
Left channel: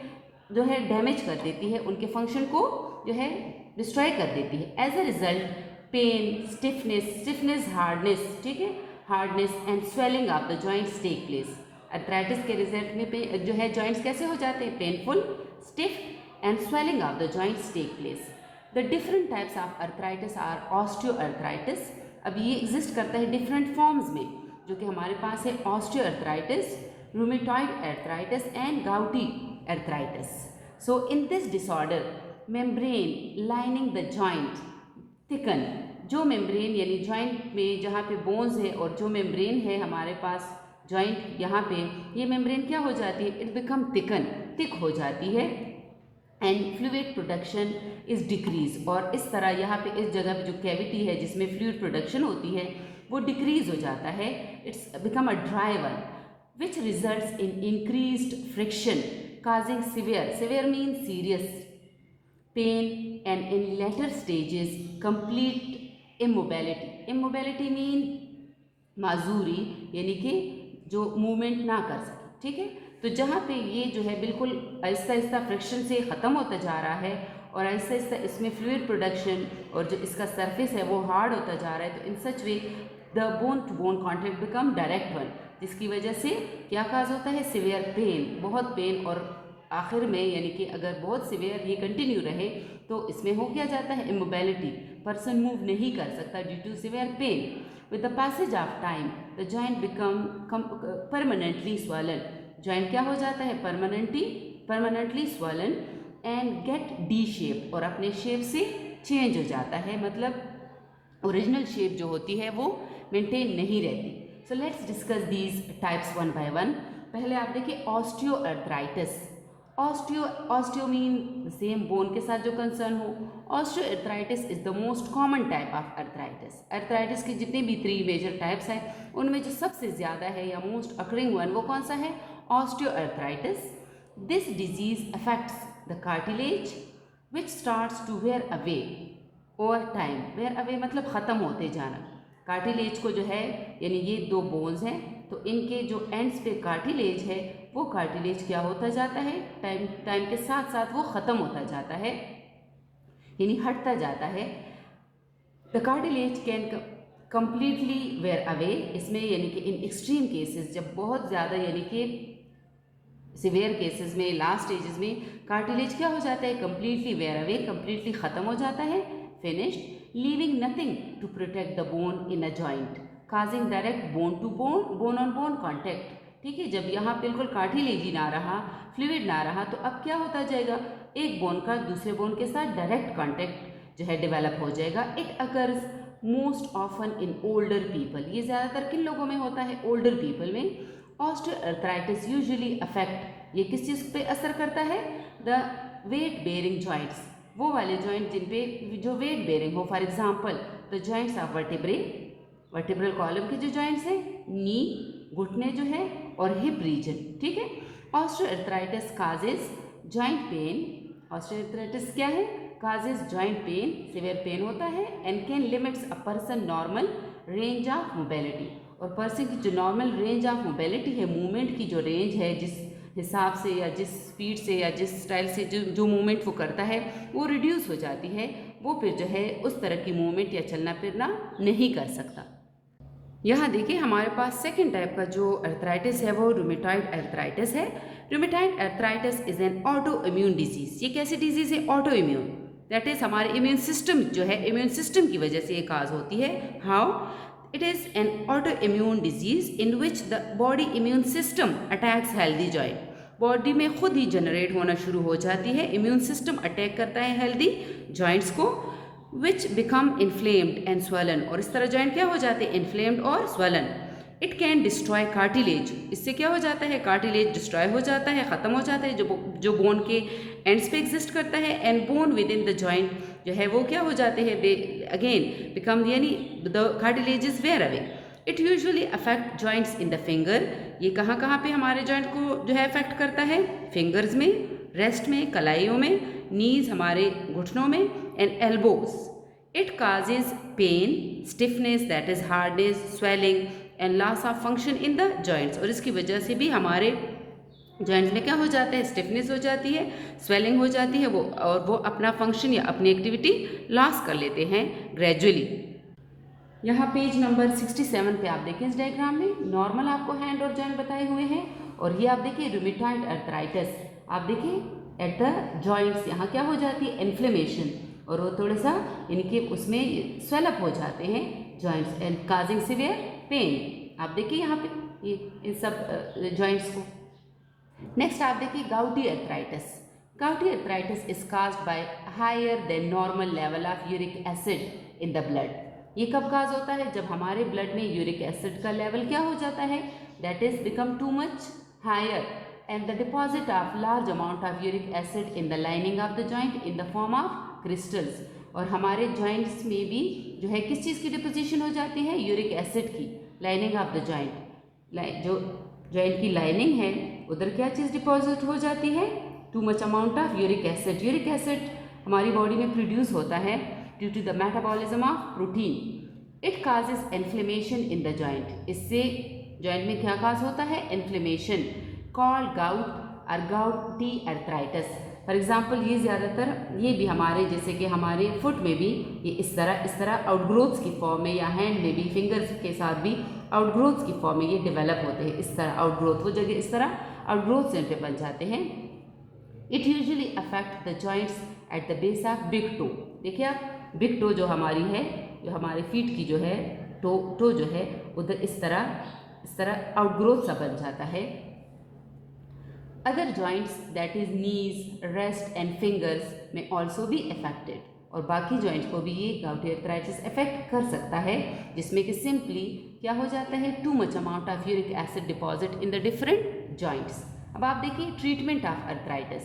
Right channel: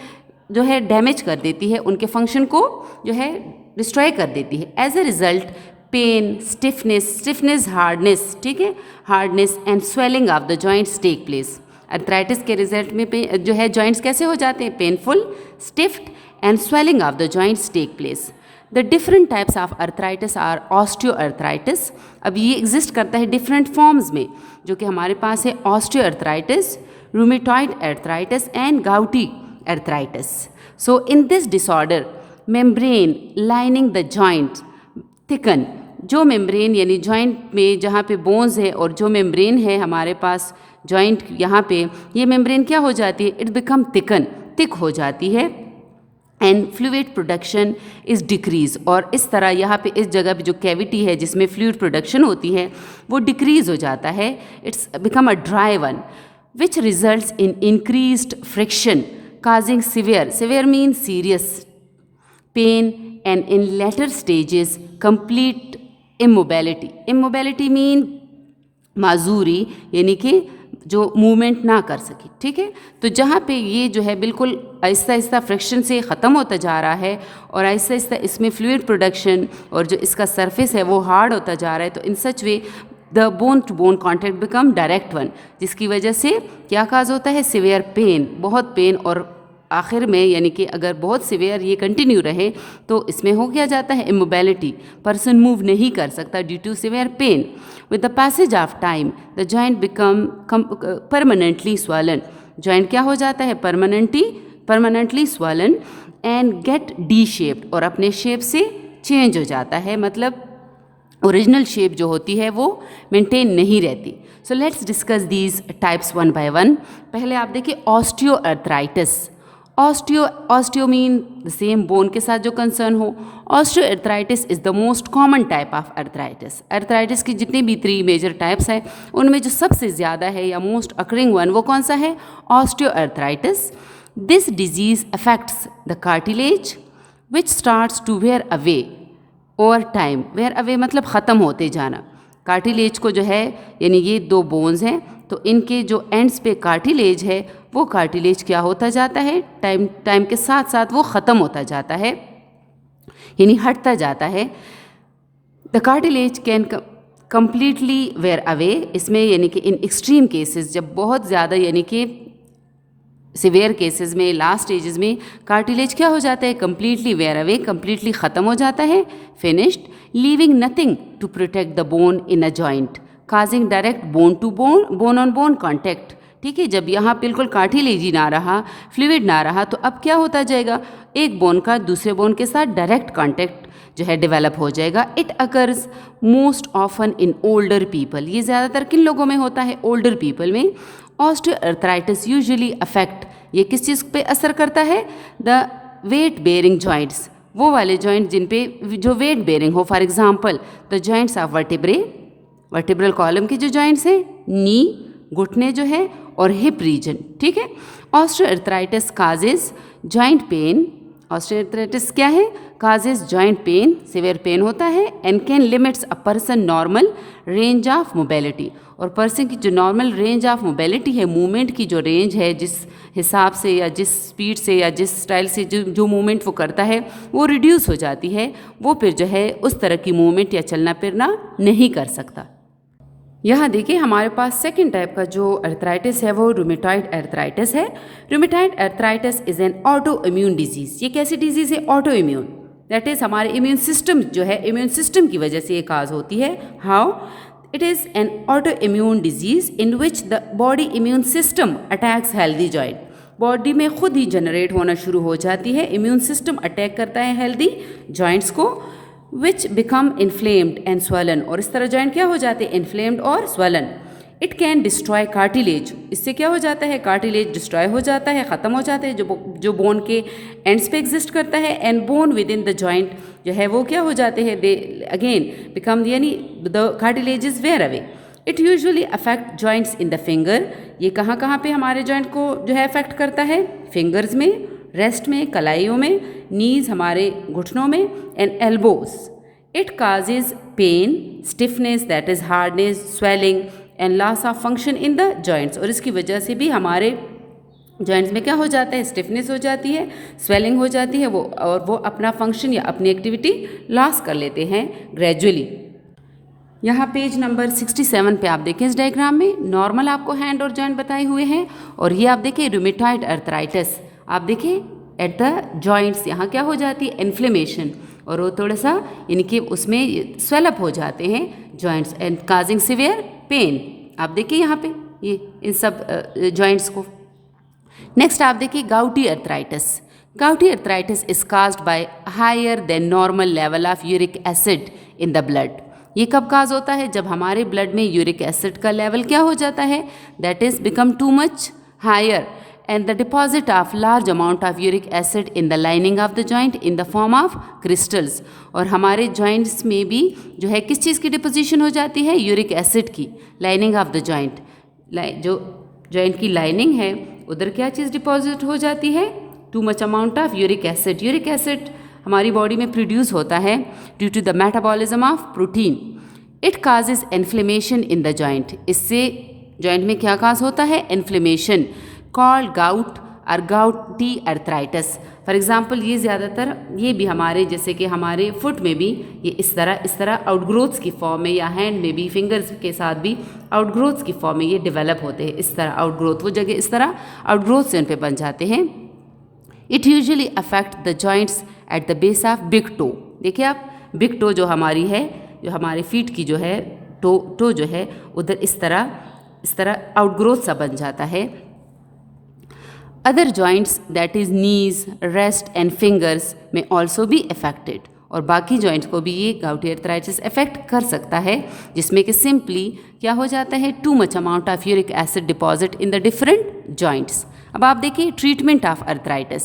जो है डैमेज कर देती है, उनके फंक्शन को जो है डिस्ट्रॉय कर देती है. As a result pain, stiffness, hardness, ठीक है, hardness and swelling of the joints take place. Arthritis के रिजल्ट में जो है जॉइंट्स कैसे हो जाते हैं? Painful, stiffed and swelling of the joints take place. The different types of arthritis are osteoarthritis. अब ये एग्जिस्ट करता है डिफरेंट फॉर्म्स में, जो कि हमारे पास है osteoarthritis, rheumatoid arthritis and gouty arthritis. So in this disorder, membrane lining the joint thicken. जो मेम्ब्रेन यानी जॉइंट में जहाँ पे बोन्स है और जो मेम्ब्रेन है हमारे पास जॉइंट यहाँ पे, ये मेम्ब्रेन क्या हो जाती है, इट बिकम थिक हो जाती है and fluid production is decrease. और इस तरह यहाँ पे इस जगह पे जो कैविटी है जिसमें फ्लूइड प्रोडक्शन होती है वो डिक्रीज़ हो जाता है. It's become a dry one which results in increased friction causing severe means serious pain and in later stages complete immobility mean माजूरी, यानी कि जो मूवमेंट ना कर सके. ठीक है, तो जहाँ पे ये जो है बिल्कुल आहिस्ता आहिस्ता फ्रिक्शन से ख़त्म होता जा रहा है और आहिस्ता आहिस्ता इसमें फ्लूइड प्रोडक्शन और जो इसका सरफेस है वो हार्ड होता जा रहा है, तो in such way the bone to bone contact become direct one, जिसकी वजह से क्या काज होता है, सिवियर पेन, बहुत पेन. और आखिर में यानी कि अगर बहुत सिवियर ये कंटिन्यू रहे तो इसमें हो गया जाता है इमोबिलिटी, पर्सन मूव नहीं कर सकता due to severe pain. With the passage of time the joint become permanently swollen. Joint क्या हो जाता है, permanently swollen and get deshaped, और अपने शेप से चेंज हो जाता है, मतलब ओरिजिनल शेप जो होती है वो मेंटेन नहीं रहती. So let's discuss these types one by one. पहले आप देखिए osteoarthritis. Osteo mean the same bone के साथ जो कंसर्न हो. Osteoarthritis is the most common type of arthritis. Arthritis की जितने भी 3 मेजर टाइप्स हैं उनमें जो सबसे ज़्यादा है या मोस्ट अकरिंग वन वो कौन सा है, osteoarthritis. This disease affects the cartilage which starts to wear away over time. Wear away मतलब ख़त्म होते जाना. कार्टिलेज को जो है यानी ये 2 बोन्स हैं तो इनके जो एंड्स पे कार्टिलेज है वो कार्टिलेज क्या होता जाता है, टाइम के साथ साथ वो ख़त्म होता जाता है, यानी हटता जाता है. The cartilage can completely wear away. इसमें यानी कि इन एक्सट्रीम केसेस, जब बहुत ज़्यादा यानी कि सिवियर केसेस में, लास्ट स्टेजेस में कार्टिलेज क्या हो जाता है, कम्प्लीटली वेयर अवे, कम्प्लीटली ख़त्म हो जाता है, finished, leaving nothing to protect the bone in a joint, causing direct bone on bone contact. ठीक है, जब यहाँ बिल्कुल कार्टिलेज ही ना रहा, फ्लूइड ना रहा, तो अब क्या होता जाएगा, एक बोन का दूसरे बोन के साथ डायरेक्ट कॉन्टैक्ट जो है डेवलप हो जाएगा. It occurs most often in older people. ये ज़्यादातर किन लोगों में होता है, ओल्डर पीपल में. ऑस्टियोआर्थराइटिस यूजुअली अफेक्ट, ये किस चीज़ पे असर करता है, द वेट बेयरिंग जॉइंट्स, वो वाले जॉइंट जिन पे जो वेट बेयरिंग हो. For example the joints of vertebral column के जो जॉइंट्स हैं, नी, घुटने जो है, और हिप रीजन. ठीक है, osteoarthritis causes joint pain. Osteoarthritis क्या है, causes joint pain, severe pain होता है, and can limits a person normal range of mobility. और पर्सन की जो नॉर्मल रेंज ऑफ मोबिलिटी है, मूवमेंट की जो रेंज है, जिस हिसाब से या जिस स्पीड से या जिस स्टाइल से जो मूवमेंट वो करता है वो रिड्यूस हो जाती है. वो फिर जो है उस तरह की मूवमेंट या चलना फिरना नहीं कर सकता. यहाँ देखिए हमारे पास सेकेंड टाइप का जो अर्थराइटिस है वो रूमेटॉइड अर्थराइटिस है. Rheumatoid arthritis is an auto immune disease. ये कैसी डिजीज़ है, ऑटो इम्यून, दैट इज़ हमारे इम्यून सिस्टम जो है, इम्यून सिस्टम की वजह से ये काज होती है. How, it is an auto immune disease in which the body immune system attacks healthy joint. Body में खुद ही जनरेट होना शुरू हो जाती है, इम्यून सिस्टम अटैक करता है हेल्दी जॉइंट्स को, विच बिकम इन्फ्लेम्ड एंड स्वलन. और इस तरह जॉइंट क्या हो जाते हैं, इन्फ्लेम्ड और swollen. It can destroy cartilage. इससे क्या हो जाता है, कार्टिलेज डिस्ट्रॉय हो जाता है, ख़त्म हो जाता है, जो बोन के एंड्स पे एग्जिस्ट करता है. And bone within the joint जो है वो क्या हो जाते हैं, दे अगेन बिकम, यानी the cartilage is wear away. It usually affect joints in the finger. ये कहाँ कहाँ पे हमारे जॉइंट को जो है अफेक्ट करता है, फिंगर्स में, रेस्ट में, कलाइयों में, नीज हमारे घुटनों में, and elbows. It causes pain, stiffness that is hardness, swelling and loss of function in the joints. और इसकी वजह से भी हमारे जॉइंट्स में क्या हो जाता है, स्टिफनेस हो जाती है, स्वेलिंग हो जाती है, वो अपना फंक्शन या अपनी एक्टिविटी लॉस कर लेते हैं ग्रेजुअली. यहाँ पेज नंबर 67 पे आप देखें, इस डायग्राम में नॉर्मल आपको हैंड और जॉइंट बताए हुए हैं, और ये आप देखें रूमेटॉइड अर्थराइटिस. आप देखें एट द जॉइंट्स, यहाँ क्या हो जाती है, इन्फ्लेमेशन, और वो थोड़ा सा यानी कि उसमें स्वेलअप हो जाते हैं joints and causing severe pain. आप देखिए यहाँ पे ये इन सब जॉइंट्स को। नेक्स्ट आप देखिए gouty arthritis. Gouty arthritis is caused by higher than normal level of uric acid in the blood. ये कब काज होता है, जब हमारे ब्लड में यूरिक एसिड का लेवल क्या हो जाता है, that is become too much higher and the deposit of large amount of uric acid in the lining of the joint in the form of crystals। और हमारे joints में भी जो है किस चीज़ की डिपोजिशन हो जाती है, यूरिक एसिड की, लाइनिंग ऑफ द जॉइंट, जो जॉइंट की लाइनिंग है उधर क्या चीज़ डिपॉजिट हो जाती है, too much amount of uric acid. Uric acid हमारी बॉडी में प्रोड्यूस होता है due to the metabolism of protein. It causes inflammation in the joint. इससे जॉइंट में क्या काज होता है, इन्फ्लेमेशन, कॉल्ड गाउट और गाउटी अर्थराइटिस। फॉर एग्जाम्पल ये ज़्यादातर ये भी हमारे जैसे कि हमारे फुट में भी ये इस तरह आउटग्रोथ्स की फॉर्म में, या हैंड में भी, फिंगर्स के साथ भी आउटग्रोथ्स की फॉर्म में ये डेवलप होते हैं। इस तरह आउटग्रोथ, वो जगह इस तरह आउटग्रोथ से उन पे बन जाते हैं। It usually affect the joints at the base of big toe. देखिए आप, बिग टो जो हमारी है, जो हमारे फीट की जो है टो जो है उधर इस तरह आउटग्रोथ सा बन जाता है। Other joints that is knees, rest and fingers में ऑल्सो बी अफेक्टेड। और बाकी जॉइंट्स को भी ये गाउटी अर्थराइटिस अफेक्ट कर सकता है, जिसमें कि सिंपली क्या हो जाता है, too much amount of uric acid deposit in the different joints. अब आप देखिए ट्रीटमेंट ऑफ अर्थराइटिस।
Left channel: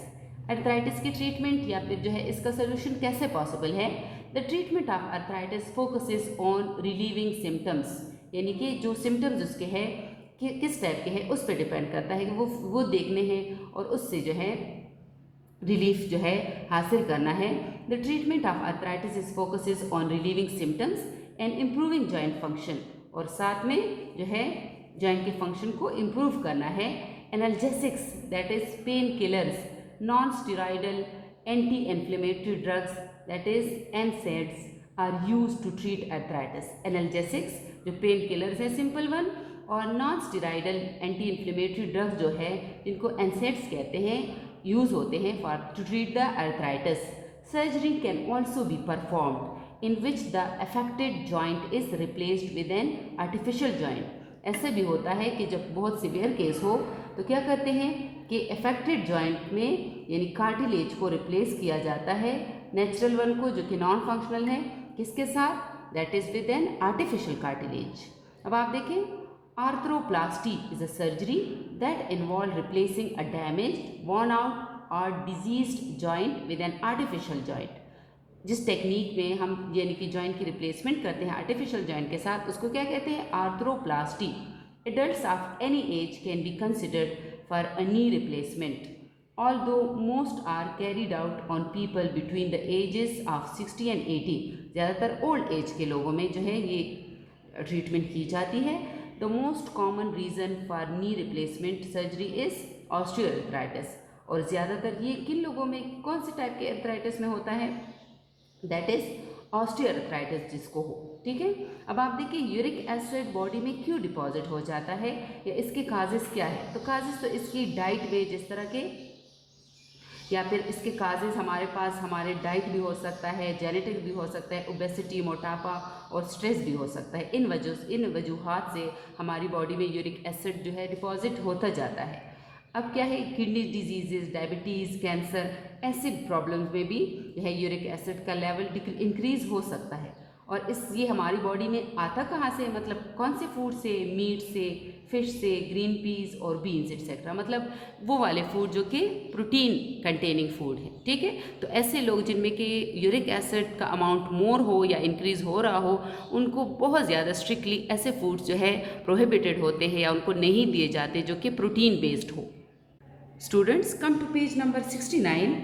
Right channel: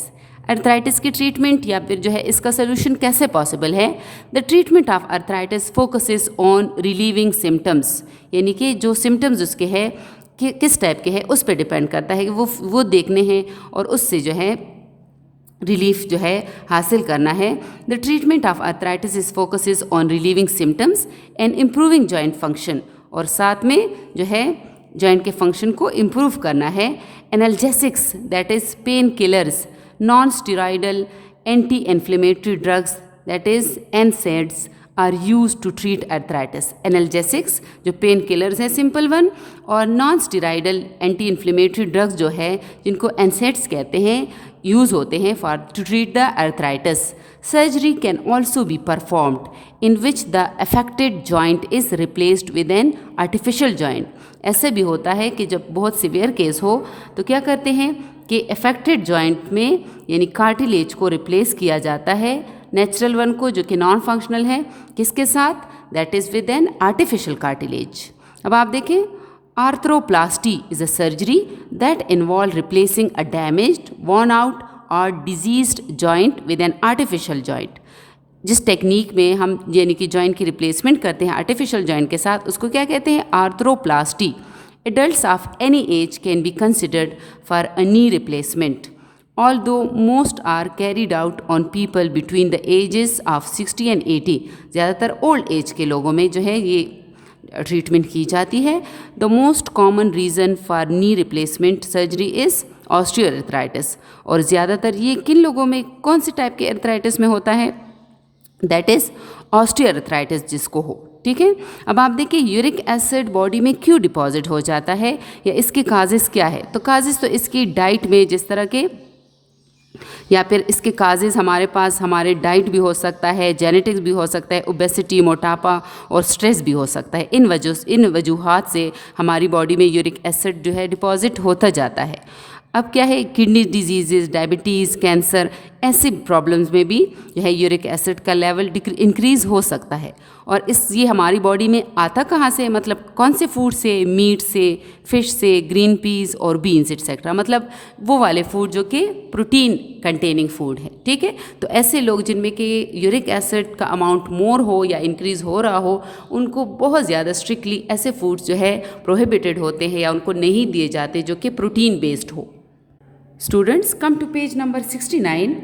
अर्थराइटिस की ट्रीटमेंट या फिर जो है इसका सोल्यूशन कैसे पॉसिबल है। The treatment of arthritis focuses on relieving symptoms, यानी कि जो सिम्टम्स उसके हैं कि किस टाइप के हैं उस पर डिपेंड करता है कि वो देखने हैं और उससे जो है रिलीफ जो है हासिल करना है। The treatment of arthritis is focuses on relieving symptoms and improving joint function, और साथ में जो है जॉइंट के फंक्शन को इम्प्रूव करना है। Analgesics that is pain killers, non steroidal anti inflammatory drugs that is NSAIDs are use to treat arthritis. Analgesics जो पेन किलर्स है सिंपल वन, और non steroidal anti inflammatory drugs जो है जिनको NSAIDs कहते हैं, यूज़ होते हैं for to treat the arthritis. Surgery can also be performed in which the affected joint is replaced with an artificial joint. ऐसे भी होता है कि जब बहुत सीवियर केस हो तो क्या करते हैं कि अफेक्टेड जॉइंट में यानी कार्टिलेज को रिप्लेस किया जाता है, नेचुरल वन को जो कि नॉन फंक्शनल है, किसके साथ, that is with an artificial cartilage. अब आप देखें, arthroplasty is a surgery that involve replacing a damaged, worn out or diseased joint with an artificial joint. जिस टेक्निक में हम यानी कि जॉइंट की रिप्लेसमेंट करते हैं आर्टिफिशियल जॉइंट के साथ, उसको क्या कहते हैं, arthroplasty. Adults of any as can be considered for a knee replacement, although most are carried out on people between the ages of 60 and 80। ज़्यादातर ओल्ड एज के लोगों में जो है ये ट्रीटमेंट की जाती है। The most common reason for knee replacement surgery is osteoarthritis. और ज़्यादातर ये किन लोगों में, कौन से टाइप के अर्थराइटिस में होता है, दैट इज़ ऑस्टियोआर्थराइटिस जिसको हो। ठीक है, अब आप देखिए यूरिक एसिड बॉडी में क्यों डिपॉजिट हो जाता है या इसके काजेस क्या है। तो काजेस तो इसकी डाइट में जिस तरह के, या फिर इसके काजेज़ हमारे पास हमारे डाइट भी हो सकता है, जेनेटिक्स भी हो सकता है, ओबेसिटी, मोटापा और स्ट्रेस भी हो सकता है। इन वजूहात से हमारी बॉडी में यूरिक एसिड जो है डिपॉजिट होता जाता है। अब क्या है, किडनी डिजीज़, डायबिटीज़, कैंसर, ऐसी प्रॉब्लम्स में भी जो है यूरिक एसिड का लेवल इंक्रीज़ हो सकता है। और ये हमारी बॉडी में आता कहाँ से, मतलब कौन से फूड से, मीट से, फिश से, ग्रीन पीस और बीन्स एक्सेट्रा, मतलब वो वाले फूड जो कि प्रोटीन कंटेनिंग फूड है। ठीक है, तो ऐसे लोग जिनमें कि यूरिक एसिड का अमाउंट मोर हो या इंक्रीज़ हो रहा हो, उनको बहुत ज़्यादा स्ट्रिक्टली ऐसे फूड्स जो है प्रोहिबिटेड होते हैं या उनको नहीं दिए जाते जो कि प्रोटीन बेस्ड हो। Students, come to page number 69.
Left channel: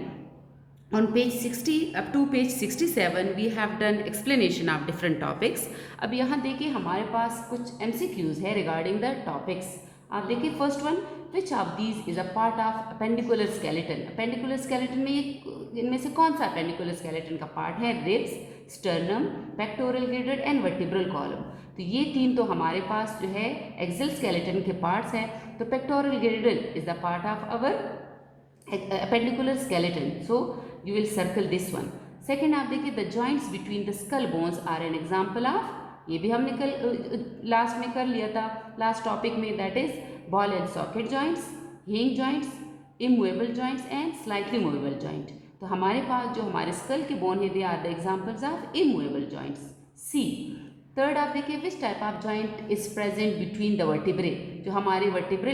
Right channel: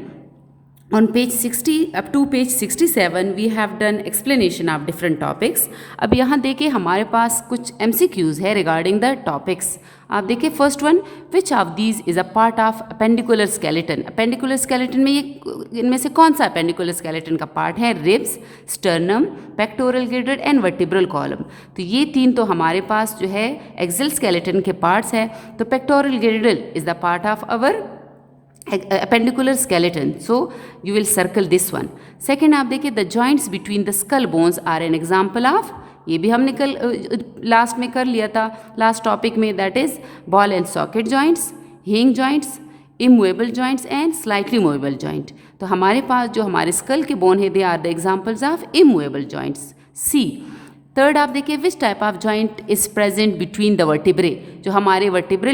On page 60 up to page 67 we have done explanation of different topics. अब यहाँ देखिए हमारे पास कुछ MCQs है regarding the topics. आप देखिए first one, which of these is a part of appendicular skeleton. Appendicular skeleton में ये इनमें से कौन सा अपेंडिकुलर स्केलेटन का पार्ट है, ribs, sternum, pectoral girdle and vertebral column. तो ये तीन तो हमारे पास जो है एक्सिल स्केलेटन के पार्ट्स है। तो pectoral girdle is the part of our appendicular skeleton. So you will circle this one. Second आप देखिए the joints between the skull bones are an example of, ये भी हमने कल लास्ट में कर लिया था लास्ट टॉपिक में, that is ball and socket joints, hinge joints, immovable joints and slightly movable joint. तो हमारे पास जो हमारे स्कल के बोन है they are the examples of immovable joints. C. Third आप देखिए which type of joint is present between the vertebrae, जो हमारे वर्टिब्रे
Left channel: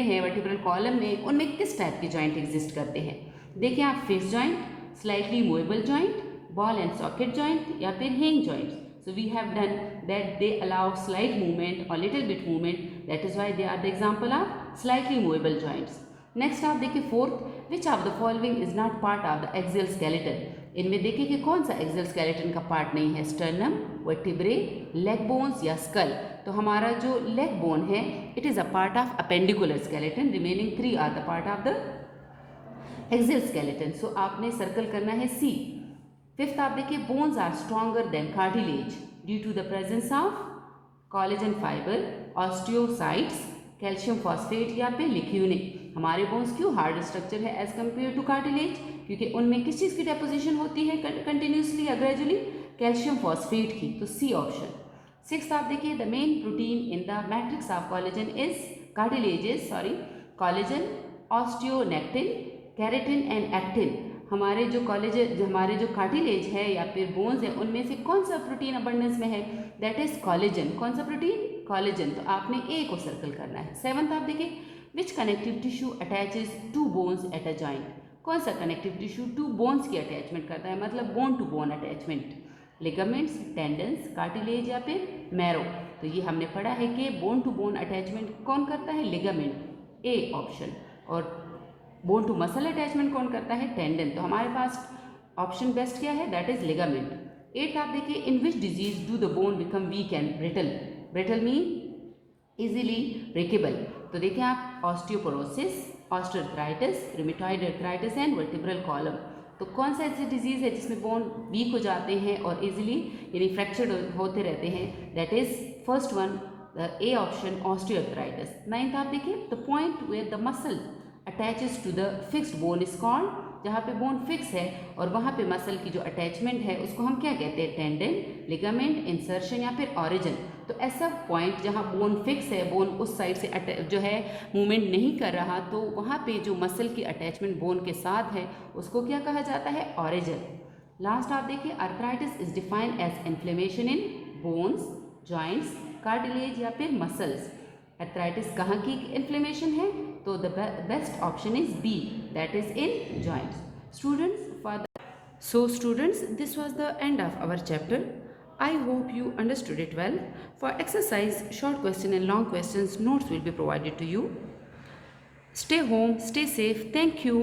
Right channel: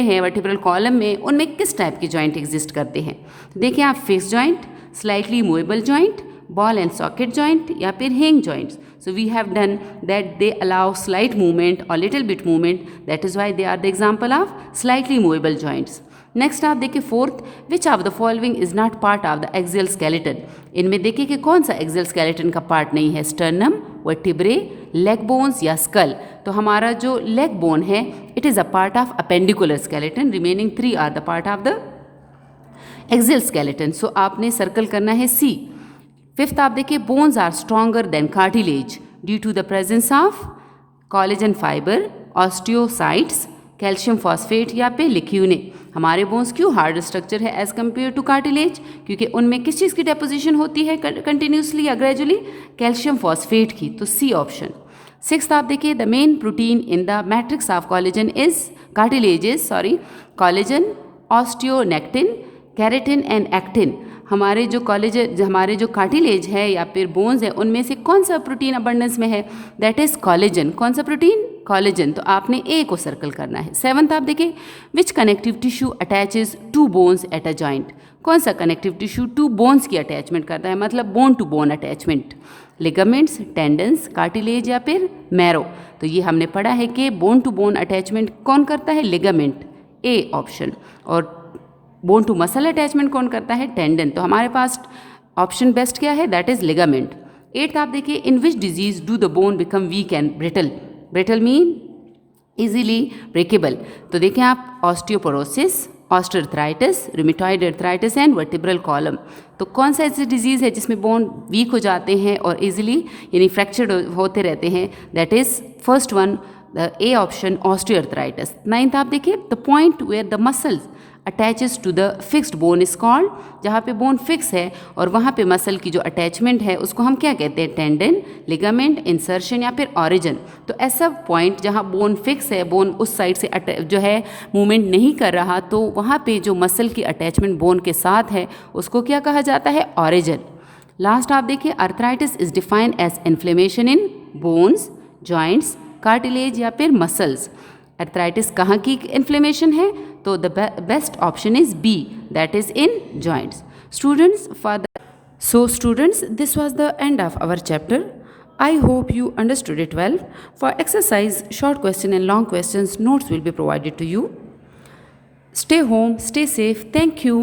हैं वर्टिब्रल कॉलम में, उनमें किस टाइप के जॉइंट एग्जिस्ट करते हैं. देखिए आप fix joint, slightly movable joint, ball and socket joint या फिर हिंग joints. So we have done that they allow slight movement or little bit movement, that is why they are the example of slightly movable joints. Next आप देखिए fourth, which of the following is not part of the axial skeleton. इनमें देखिए कि कौन सा एक्सियल स्केलेटन का पार्ट नहीं है, स्टर्नम, वर्टिब्रे, लेग बोन्स या स्कल. तो हमारा जो लेग बोन है it is a part of appendicular skeleton, remaining 3 are the part of the axial skeleton. So आपने सर्कल करना है सी. फिफ्थ आप देखिए bones are stronger than cartilage due to the presence of collagen fibre, osteocytes, calcium phosphate या फिर लिक्यूने. हमारे बोन्स क्यों हार्ड स्ट्रक्चर है एज कम्पेयर टू कार्टिलेज, क्योंकि उनमें किस चीज़ की डेपोजिशन होती है कंटिन्यूसली या ग्रेजुअली, कैल्शियम फॉस्फेट की. तो सी ऑप्शन. सिक्स्थ आप देखिए the main protein in the matrix of collagen is collagen, osteonectin, keratin and actin. हमारे जो कार्टिलेज है या फिर बोन्स है उनमें से कौन सा प्रोटीन अबंडेंस में है, दैट इज कॉलेजन. कौन सा प्रोटीन, कॉलेजन. तो आपने ए को सर्कल करना है. सेवंथ आप देखिए which connective tissue attaches to bones at a joint. कौन सा कनेक्टिव टिश्यू टू बोन्स की अटैचमेंट करता है, मतलब bone to bone attachment. Ligaments, tendons, cartilage या फिर मैरो. तो ये हमने पढ़ा है कि बोन टू बोन अटैचमेंट कौन करता है, लिगामेंट, ए ऑप्शन. और बोन टू मसल अटैचमेंट कौन करता है, टेंडन. तो हमारे पास ऑप्शन बेस्ट क्या है, दैट इज लिगामेंट. एट्थ आप देखिए in which disease do the bone become weak and brittle. Brittle mean easily breakable. तो देखें आप osteoporosis, osteoarthritis, rheumatoid arthritis and vertebral column. तो कौन सा ऐसी डिजीज़ है जिसमें बोन वीक हो जाते हैं और इजीली यानी फ्रैक्चर्ड होते रहते हैं, that is first one the A option, osteoarthritis. Ninth आप देखिए the point where the muscles attaches to the fixed bone is called. जहाँ पे बोन फिक्स है और वहाँ पे मसल की जो अटैचमेंट है उसको हम क्या कहते हैं, टेंडन, लिगामेंट, इंसर्शन या फिर ऑरिजन. तो ऐसा पॉइंट जहाँ बोन फिक्स है, बोन उस साइड से जो है मूवमेंट नहीं कर रहा, तो वहाँ पे जो मसल की अटैचमेंट बोन के साथ है उसको क्या कहा जाता है, ऑरिजन. लास्ट आप देखिए arthritis is defined as inflammation in bones, joints, cartilage या फिर मसल्स. आर्थराइटिस कहाँ की इन्फ्लेमेशन है, तो the best option is B, that is in joints. Students, this was the end of our chapter. I hope you understood it well. For exercise, short question and long questions, notes will be provided to you. Stay home, stay safe. Thank you.